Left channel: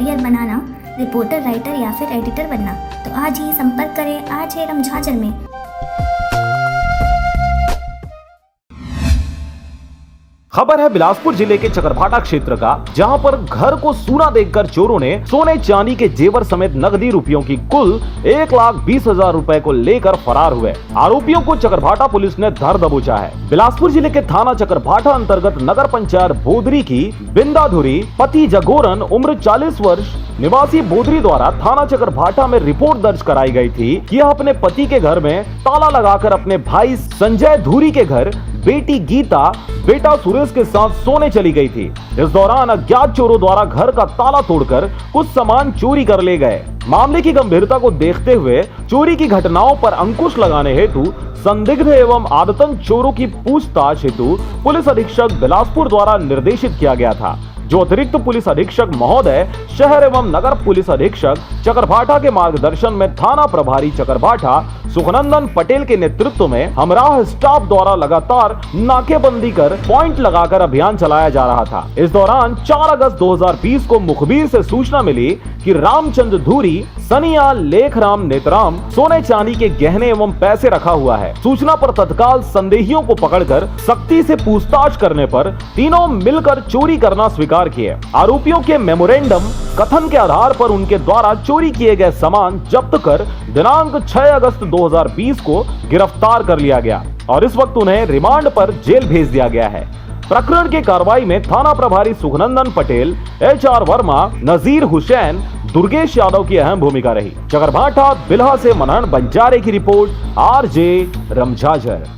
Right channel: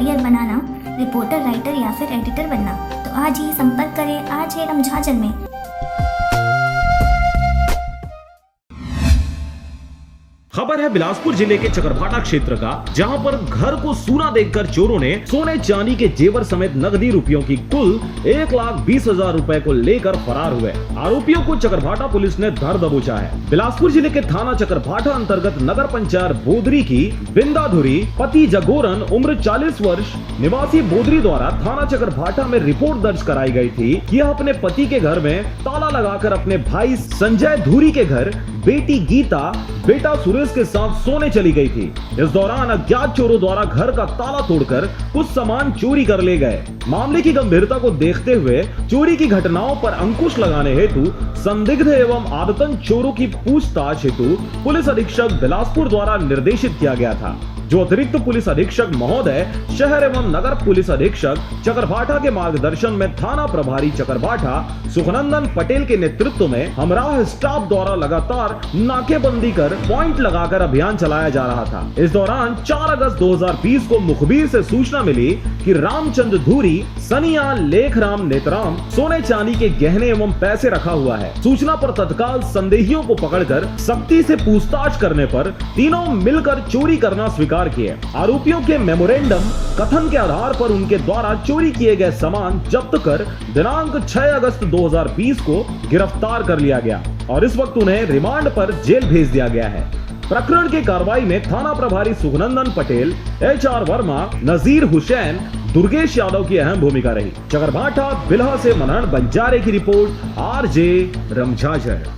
Career बनाना, reporter, writer या फिर editor बनना, तो आज ही संपर्क करें आज है रमझाझर में। खबर है बिलासपुर जिले के चकरभाटा क्षेत्र का, जहां पर घर को सूना देखकर चोरों ने सोने चांदी के जेवर समेत नकदी रुपयों की कुल 1,20,000 रुपए को लेकर फरार हुए। आरोपियों को चकरभाटा पुलिस ने धर दबोचा है। बिलासपुर जिले के थाना चकरभाटा अंतर्गत नगर पंचायत बोदरी की बिंदाधुरी पति जगोरन उम्र 40 वर्ष निवासी बोदरी द्वारा थाना चकरभाटा में रिपोर्ट दर्ज कराई गई थी कि यह अपने पति के घर में ताला लगाकर अपने भाई संजय धुरी के घर बेटी गीता बेटा सुरेश के साथ सोने चली गई थी। इस दौरान अज्ञात चोरों द्वारा घर का ताला तोड़कर कुछ सामान चोरी कर ले गए। मामले की गंभीरता को देखते हुए चोरी की घटनाओं पर अंकुश लगाने हेतु संदिग्ध एवं आदतन चोरों की पूछताछ हेतु पुलिस अधीक्षक बिलासपुर द्वारा निर्देशित किया गया था, जो अतिरिक्त पुलिस अधीक्षक महोदय शहर एवं नगर पुलिस अधीक्षक चकरभाटा के मार्गदर्शन में थाना प्रभारी चकरभाटा सुखनंदन पटेल के नेतृत्व में हमराह स्टाफ द्वारा लगातार नाकेबंदी कर पॉइंट लगाकर अभियान चलाया जा रहा था। इस दौरान 4 अगस्त 2020 को मुखबिर से सूचना मिली कि रामचंद्र धुरी, सनिया, लेखराम, नेतराम सोने चांदी के गहने एवं पैसे रखा हुआ है। सूचना पर तत्काल संदेहियों को पकड़कर सख्ती से पूछताछ करने पर तीनों मिलकर चोरी करना स्वीकार किए। आरोपियों के मेमोरेंडम कथन के आधार पर उनके द्वारा चोरी किए गए सामान जब्त कर दिनांक 6 अगस्त 2020 को गिरफ्तार कर लिया गया और इस वक्त उन्हें रिमांड पर जेल भेज दिया गया है। प्रकरण की कार्रवाई में थाना प्रभारी सुखनंदन पटेल, HR वर्मा, नजीर हुसैन, दुर्गेश यादव की अहम भूमिका रही। चकरभाटा बिल्हा से मनहर बंजारे की रिपोर्ट, RJ रमझाझर।